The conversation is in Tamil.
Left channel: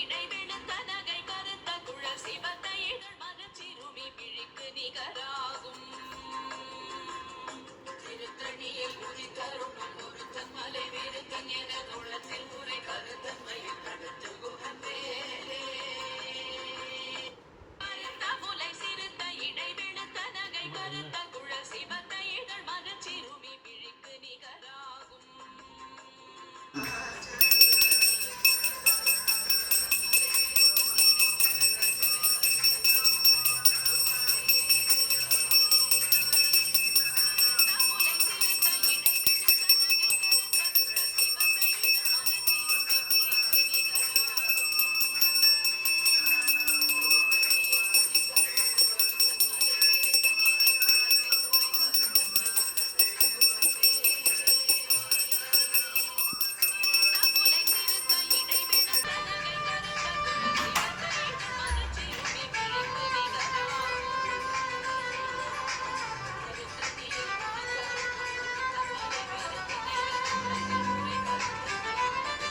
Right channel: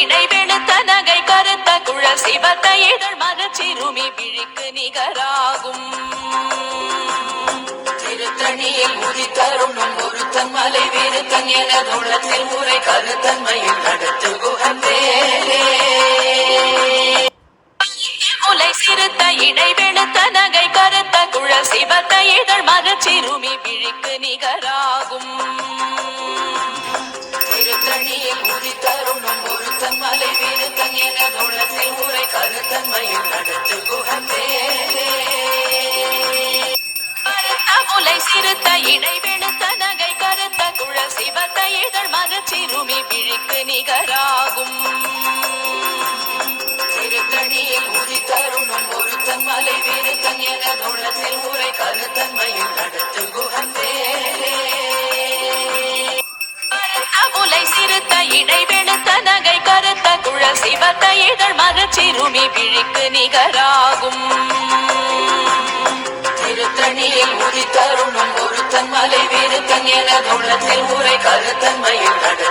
இடைவெளுத்த நகை கருத்த குழல் சிவத்த இதழ் மரச்சிறுமி விழிக்கு நிகராகும். திருத்தணியில் உதித்தருணும் ஒருத்தன் மலை விருத்தன் என தோளத்தில் முறை கருத்தன்மையில் நடத்து குகந்தே. முலை சிறுத்த இடைவெளுத்த நகை கருத்த குழல் சிவத்த இதழ் மரச்சிறுமி விழிக்கு நிகராகும். திருத்தணியில் உதித்தருணும் ஒருத்தன் மலை விருத்தன் என தோளத்தில் முறை கருத்தன்மையில் நடத்து குகந்தே. முலை சிறுத்த இடைவெளுத்த நகை கருத்த குழல் சிவத்த இதழ் மரச்சிறுமி விழிக்கு நிகராகும். திருத்தணியில் உதித்தருணும் ஒருத்தன் மலை விருத்தன் என தோளத்தில் முறை கருத்தன்மையில் நடத்து குகந்தே. முலை சிறுத்த இடைவெளுத்த நகை கருத்த குழல் சிவத்த இதழ் மரச்சிறுமி விழிக்கு நிகராகும். திருத்தணியில் உதித்தருணும் ஒருத்தன் மலை விருத்தன் என தோளத்தில் முறை கருத்தன்மையில் நடத்து